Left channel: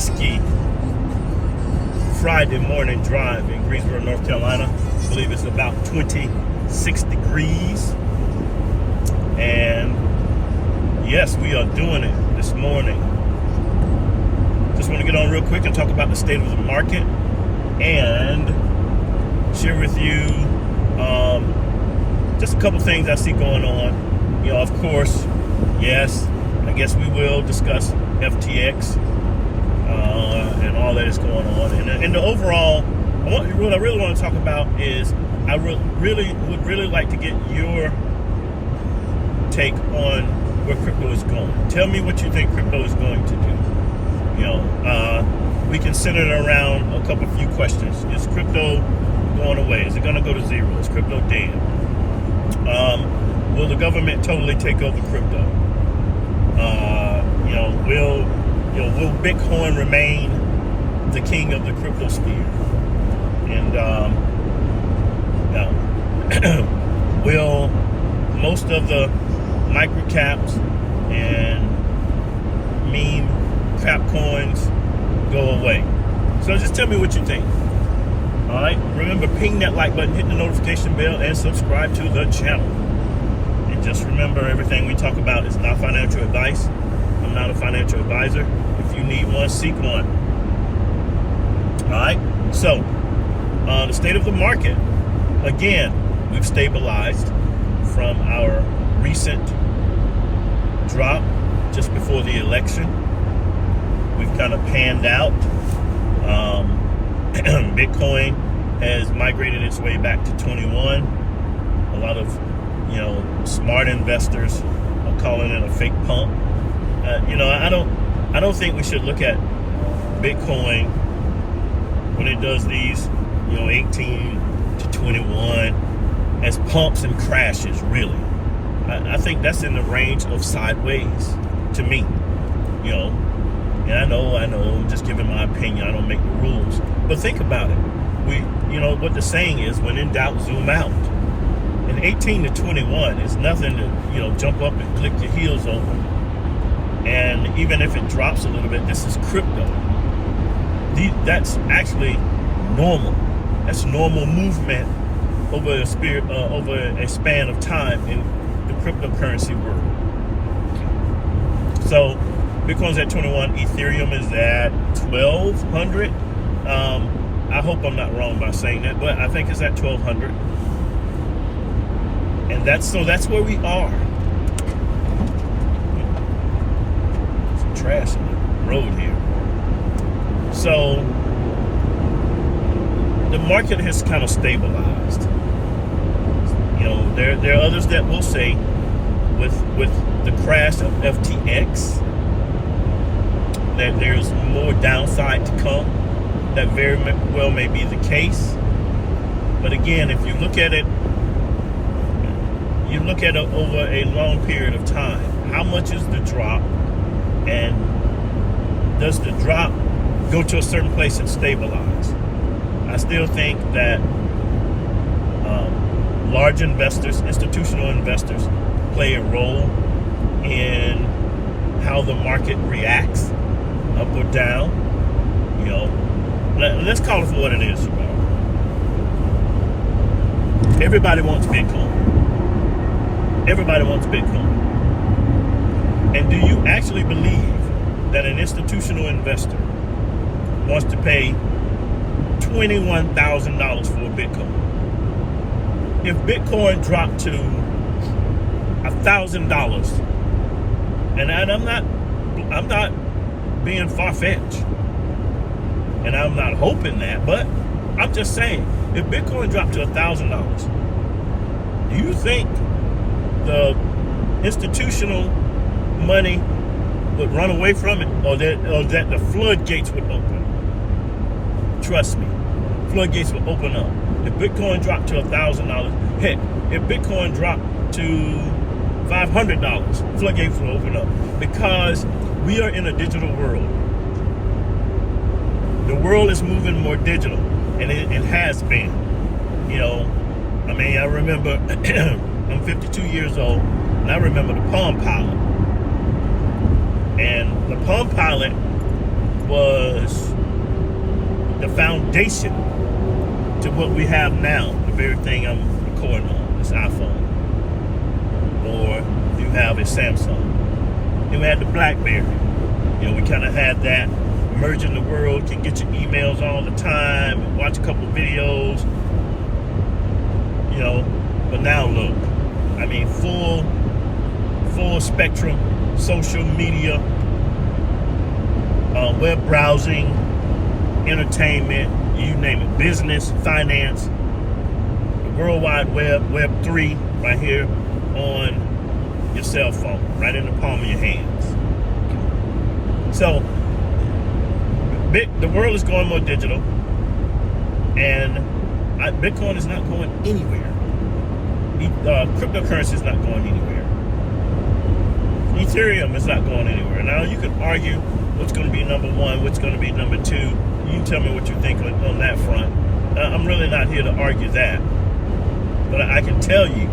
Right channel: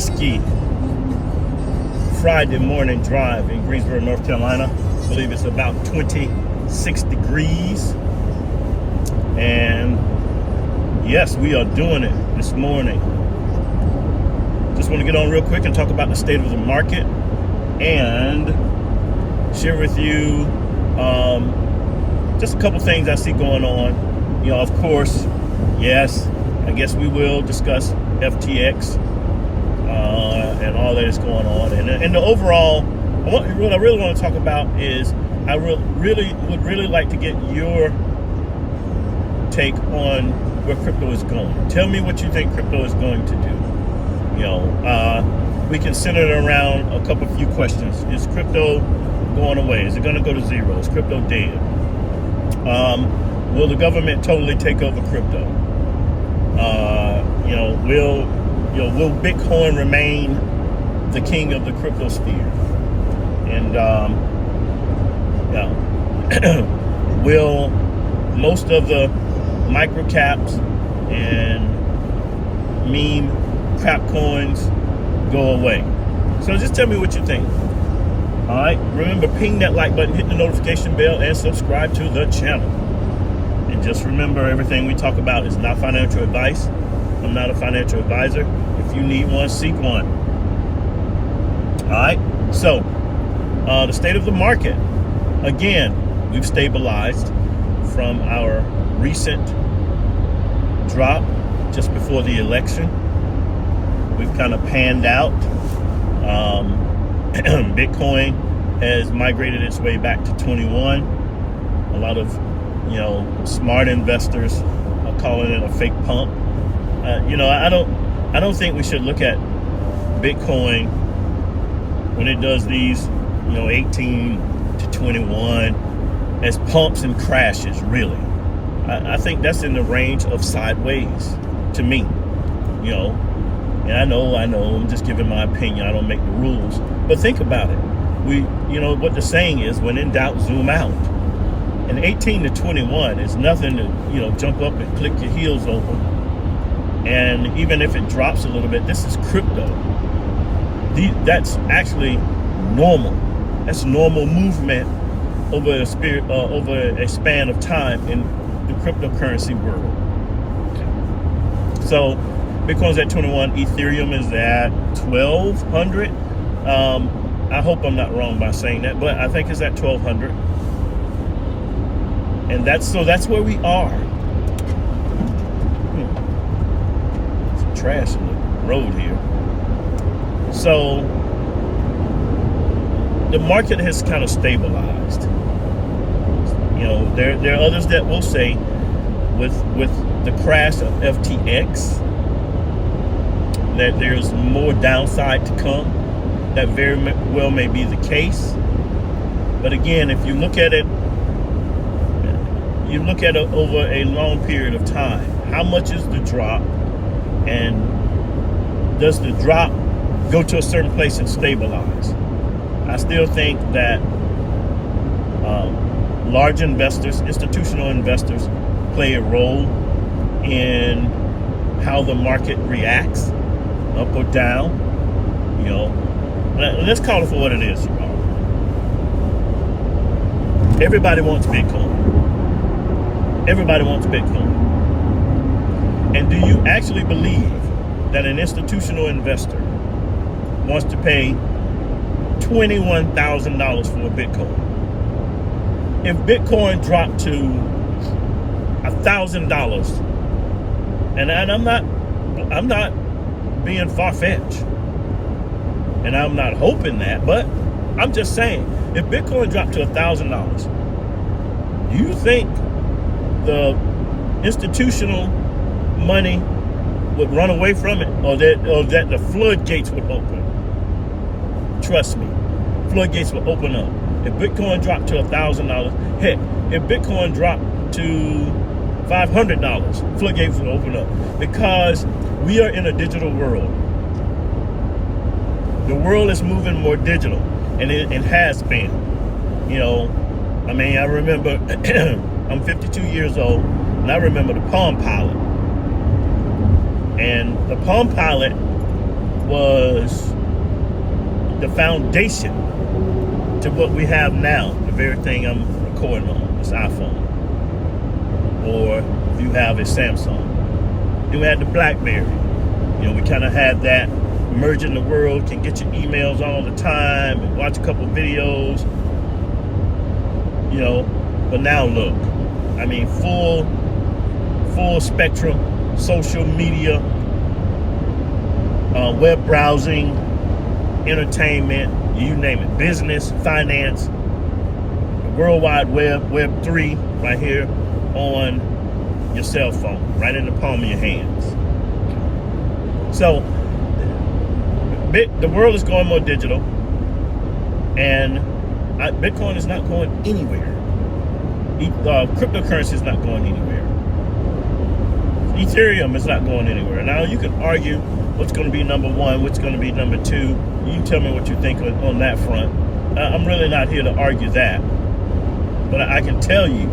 risky Friday morning drive in Greensboro, North Carolina. I believe it's about 26 degrees. And yes, we are doing it this morning. Just want to get on real quick and talk about the state of the market and share with you just a couple things I see going on. You know, of course, yes, I guess we will discuss FTX and all that is going on. And the overall, what I really want to talk about is I would really like to get your take on where crypto is going. Tell me what you think crypto is going to do. You know, we can center it around a few questions. Is crypto going away? Is it going to go to zero? Is crypto dead? Will the government totally take over crypto? Will Bitcoin remain the king of the crypto sphere? And will most of the micro caps and meme crap coins go away? So just tell me what you think. All right, remember, ping that like button, hit the notification bell, and subscribe to the channel. And just remember, everything we talk about is not financial advice. I'm not a financial advisor. If you need one, seek one. All right, so the state of the market. Again, we've stabilized from our recent drop just before the election. We've kind of panned out. Bitcoin has migrated its way back to 21. A lot of, smart investors are calling it a fake pump. I don't think we should look at Bitcoin when it does these, 18 to 21 as pumps and crashes, really. I think that's in the range of sideways to me, And I know, I'm just giving my opinion. I don't make the rules. But think about it. What the saying is, when in doubt, zoom out. And 18 to 21 is nothing to, jump up and click your heels over. And even if it drops a little bit, this is crypto. That's actually normal. That's normal movement over a span of time in the cryptocurrency world. So Bitcoin's at 21, Ethereum is at 1,200. I hope I'm not wrong by saying that, but I think it's at 1,200. And that's where we are. Some trash in the road here. So the market has kind of stabilized. There are others that will say with the crash of FTX that there's more downside to come. That very well may be the case. But again, if you look at it over a long period of time, how much is the drop, and does the drop go to a certain place and stabilize? I still think that large investors, institutional investors, play a role in how the market reacts, up or down. Let's call it for what it is, you all. Everybody wants Bitcoin. Everybody wants Bitcoin. And do you actually believe that an institutional investor wants to pay $21,000 for a Bitcoin? If Bitcoin dropped to $1,000, and I'm not being far-fetched, and I'm not hoping that, but I'm just saying, if Bitcoin dropped to $1,000, do you think the institutional money would run away from it, or that the floodgates would open? Trust me, floodgates will open up. If Bitcoin dropped to $1,000, heck, if Bitcoin dropped to $500, floodgates will open up, because we are in a digital world. The world is moving more digital, and it has been. I remember, I'm 52 years old, and I remember the Palm Pilot. And the Palm Pilot was foundation to what we have now, the very thing I'm recording on, this iPhone. Or if you have a Samsung. Then we had the BlackBerry. We kind of had that merging the world, can get your emails all the time, watch a couple videos, but now look, I mean, full spectrum, social media, web browsing, entertainment, you name it, business, finance, the World Wide Web, Web 3, right here on your cell phone, right in the palm of your hands. So the world is going more digital, and Bitcoin is not going anywhere. Cryptocurrency is not going anywhere. Ethereum is not going anywhere. Now you can argue what's going to be number one, what's going to be number two. You can tell me what you think on that front. I'm really not here to argue that, but I can tell you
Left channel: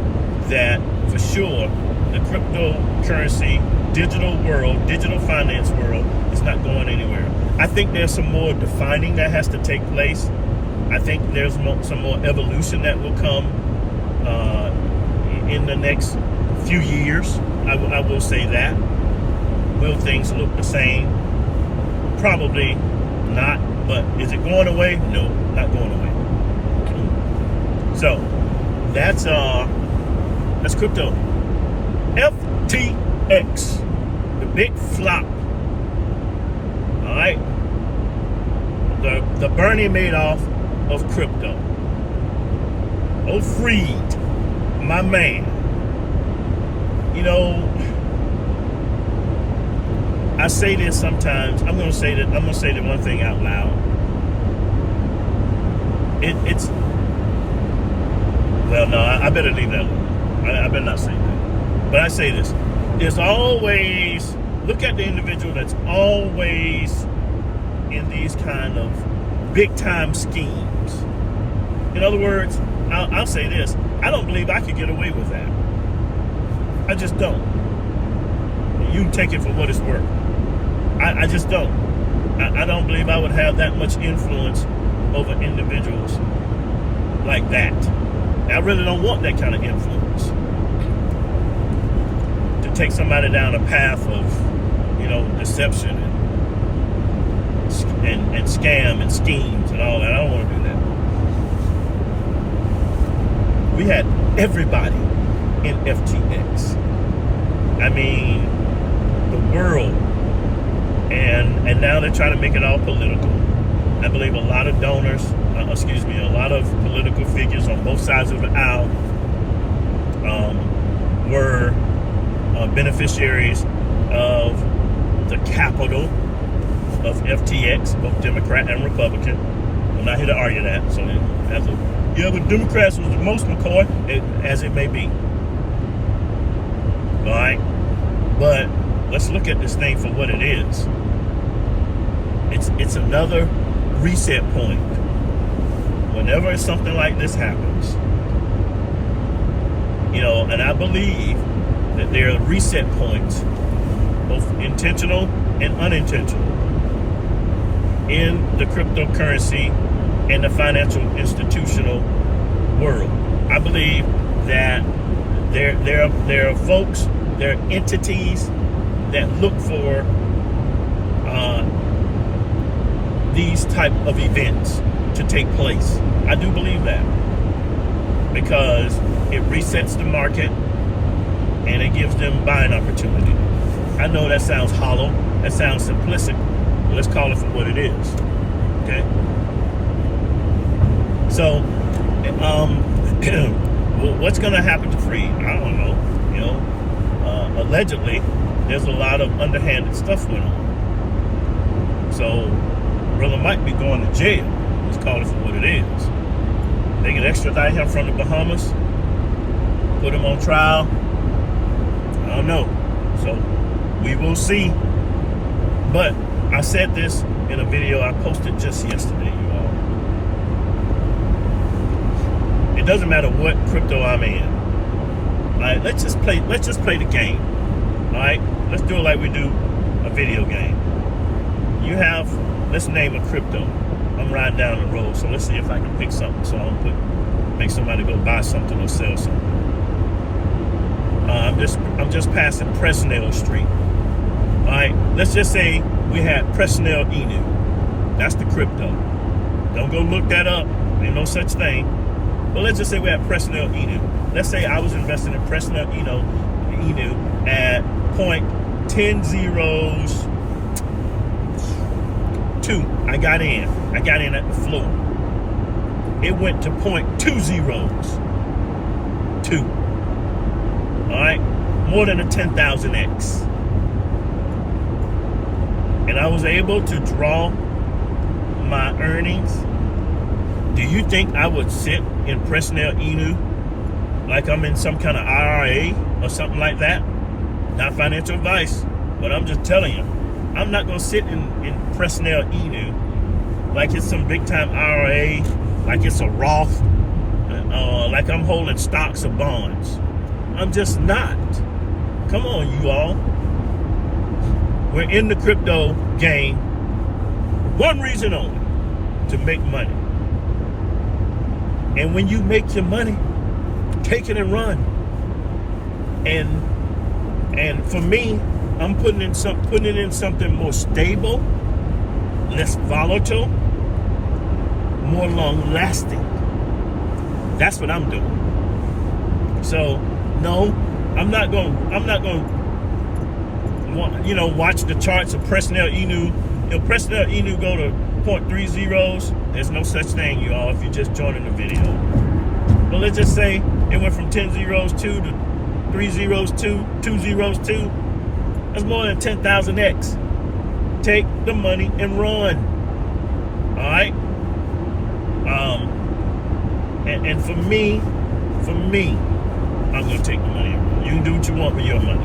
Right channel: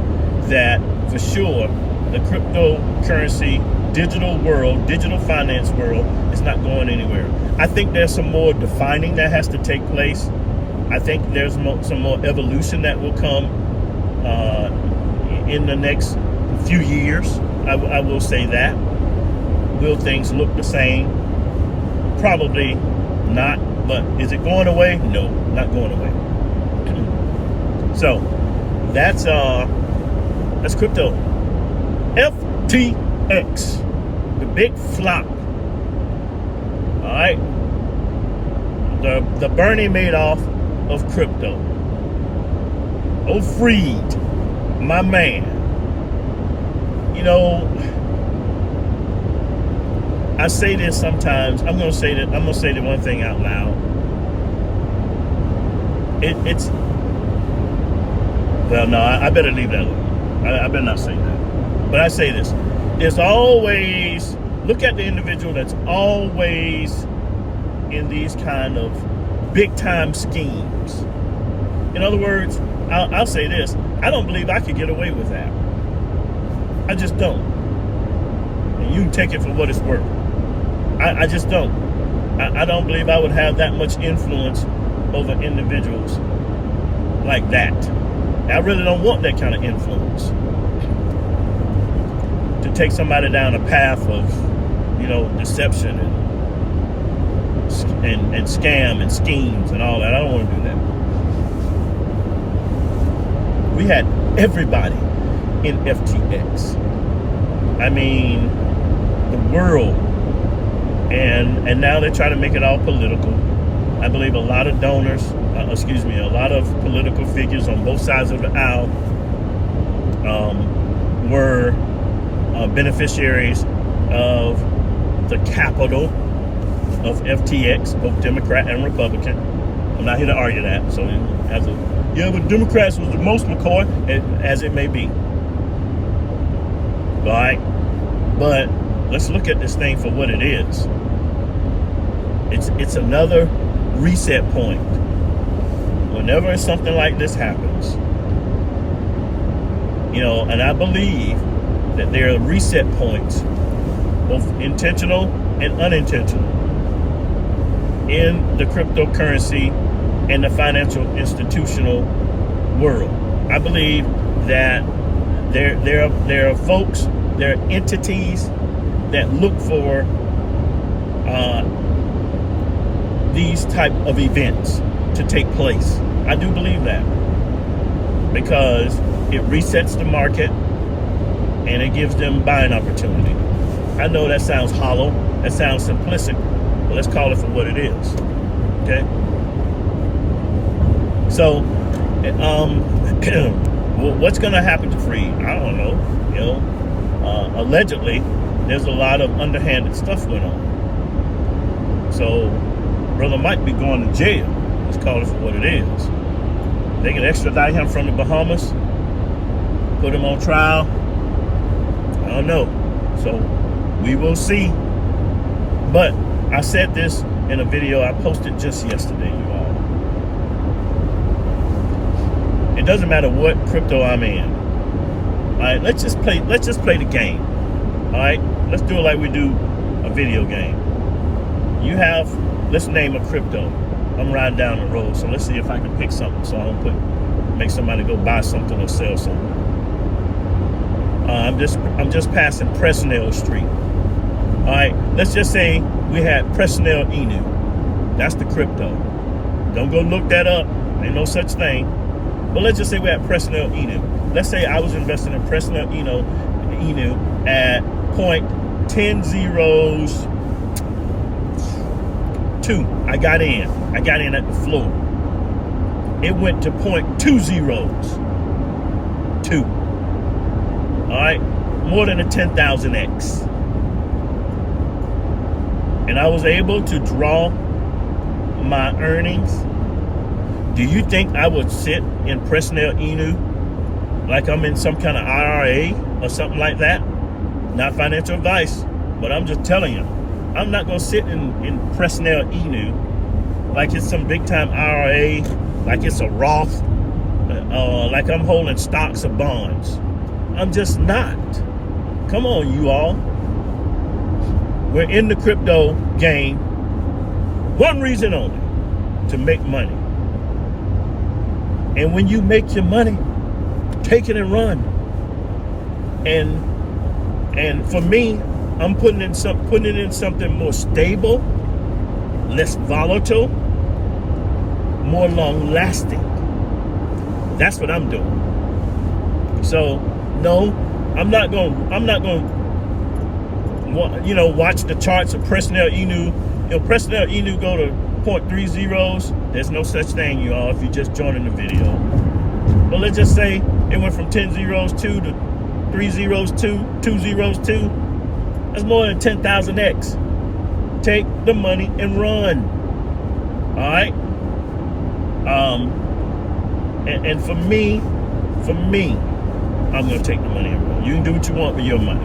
that for sure the cryptocurrency digital world, digital finance world is not going anywhere. I think there's some more defining that has to take place. I think there's some more evolution that will come in the next few years. I will say that. Will things look the same? Probably not, but is it going away? No, not going away. So that's crypto. FTX, the big flop. All right, the Bernie Madoff of crypto. Oh, Freed, my man. I say this sometimes. I'm gonna say the one thing out loud. I better leave that alone. I better not say that. But I say this. There's always, look at the individual that's always in these kind of big time schemes. In other words, I'll say this. I don't believe I could get away with that. I just don't. And you can take it for what it's worth. I just don't. I don't believe I would have that much influence over individuals like that. I really don't want that kind of influence. To take somebody down a path of, deception and scam and schemes and all that. I don't want to do that. We had everybody in FTX. I mean, the world. And now they try to make it all political. I believe a lot of donors, a lot of political figures on both sides of the aisle were beneficiaries of the capital of FTX, both Democrat and Republican. I'm not here to argue that. So but Democrats was the most, McCoy, as it may be. All right? But let's look at this thing for what it is. It's another reset point. Whenever something like this happens, and I believe that there are reset points, both intentional and unintentional, in the cryptocurrency and the financial institutional world. I believe that there are folks, there are entities that look for these type of events to take place. I do believe that, because it resets the market and it gives them buying opportunity. I know that sounds hollow, that sounds simplistic, but let's call it for what it is. Okay? So, what's going to happen to Freed? I don't know. Allegedly, there's a lot of underhanded stuff going on. So, brother might be going to jail. Let's call it for what it is. They can extradite him from the Bahamas, put him on trial. I don't know. So, we will see. But I said this in a video I posted just yesterday. It doesn't matter what crypto I'm in. All right, let's just play the game. All right, let's do it like we do a video game. You have, let's name a crypto. I'm riding down the road, so let's see if I can pick something. So I'll make somebody go buy something or sell something. I'm just passing Presnell Street. All right, let's just say we had Presnell Inu. That's the crypto. Don't go look that up. Ain't no such thing. But let's just say we had Presnell Inu. Let's say I was investing in Presnell Inu at 0.1002. I got in at the floor. It went to 0.202. All right, more than a 10,000x. And I was able to draw my earnings. Do you think I would sit in Presnell Inu like I'm in some kind of IRA or something like that? Not financial advice, but I'm just telling you, I'm not gonna sit in Presnell Inu like it's some big time IRA, like it's a Roth, like I'm holding stocks or bonds. I'm just not. Come on, you all. We're in the crypto game. One reason only, to make money. And when you make your money, take it and run. And for me, I'm putting it in something more stable, less volatile, more long lasting. That's what I'm doing. So no, I'm not going watch the charts of Presnell Inu. Presnell Inu go to 0.30s. There's no such thing, y'all, if you're just joining the video. But let's just say it went from 10.02 to 3.02, 2.02. That's more than 10,000x. Take the money and run. All right. And for me, I'm gonna take the money and run. You can do what you want with your money.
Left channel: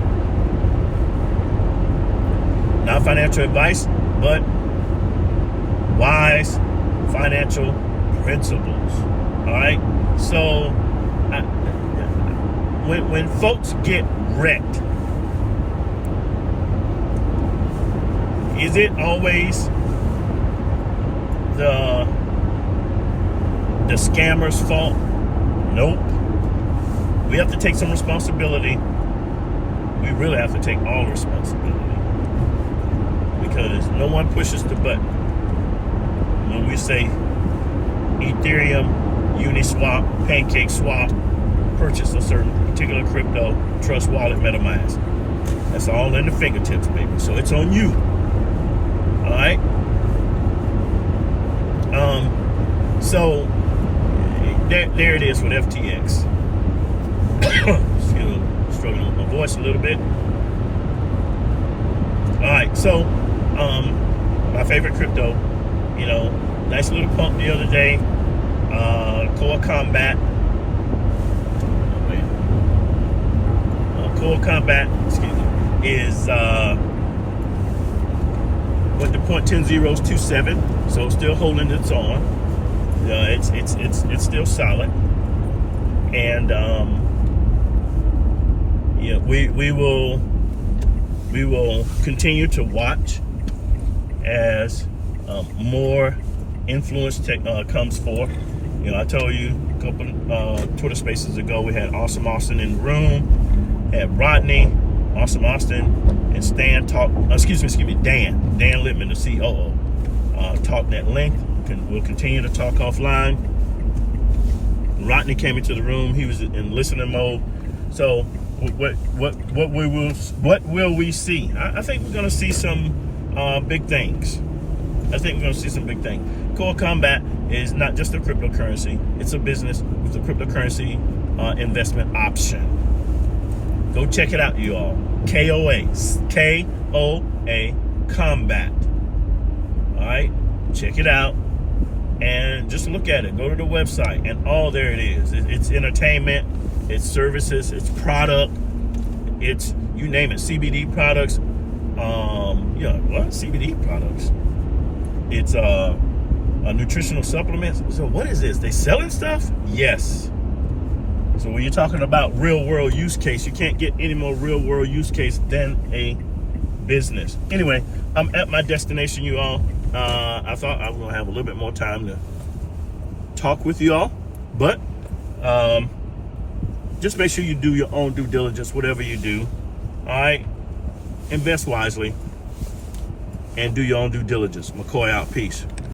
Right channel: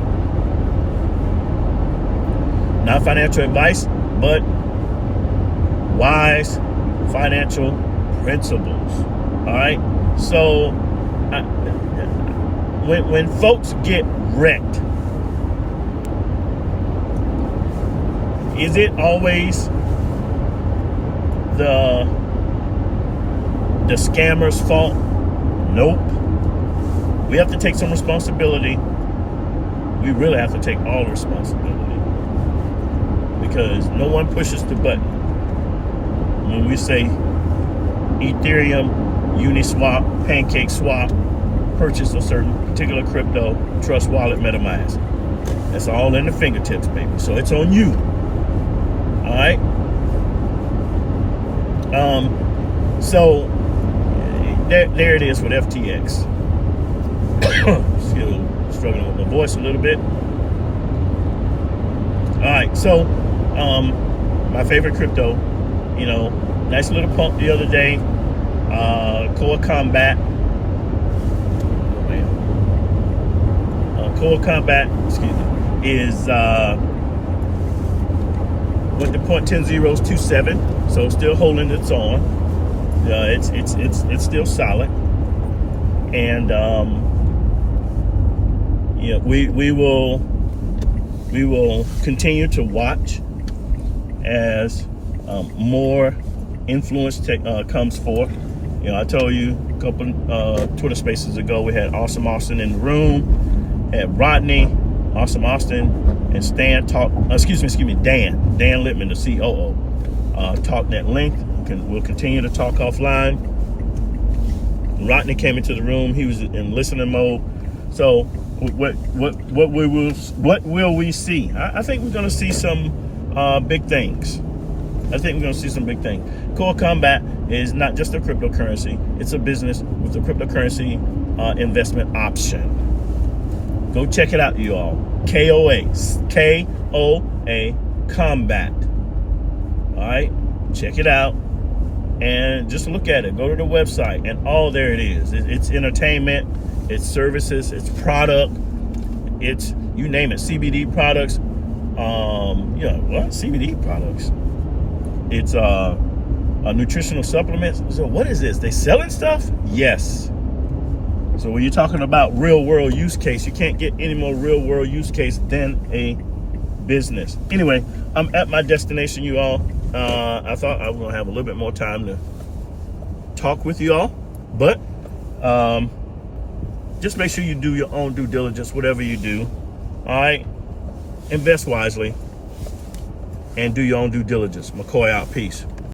Not financial advice, but wise financial principles. All right. So when folks get wrecked, is it always the scammer's fault? Nope. We have to take some responsibility. We really have to take all responsibility, because no one pushes the button when we say Ethereum, Uniswap, PancakeSwap, purchase a certain particular crypto, Trust Wallet, MetaMask. That's all in the fingertips, baby. So it's on you. All right. So there it is with FTX. Excuse me, struggling with my voice a little bit. All right, so my favorite crypto, nice little pump the other day. Core Combat. Core Combat, excuse me, is went to 0.1027, so still holding its on. It's still solid, and we will continue to watch as more influence comes forth. I told you a couple Twitter spaces ago, we had Awesome Austin in the room, had Rodney, Awesome Austin, and Dan Littman, the COO, talking at length. We'll continue to talk offline. Rodney came into the room. He was in listening mode. So what will we see? I think we're going to see some big things. Core Combat is not just a cryptocurrency. It's a business with a cryptocurrency investment option. Go check it out, you all. KOA Combat. All right, check it out and just look at it. Go to the website and there it is. It's entertainment, it's services, it's product, it's you name it. CBD products. CBD products. It's nutritional supplements. So what is this? They selling stuff? Yes. So when you're talking about real world use case, you can't get any more real world use case than a business. Anyway, I'm at my destination, you all. I thought I was gonna have a little bit more time to talk with you all, but just make sure you do your own due diligence, whatever you do. All right, invest wisely and do your own due diligence. McCoy out. Peace.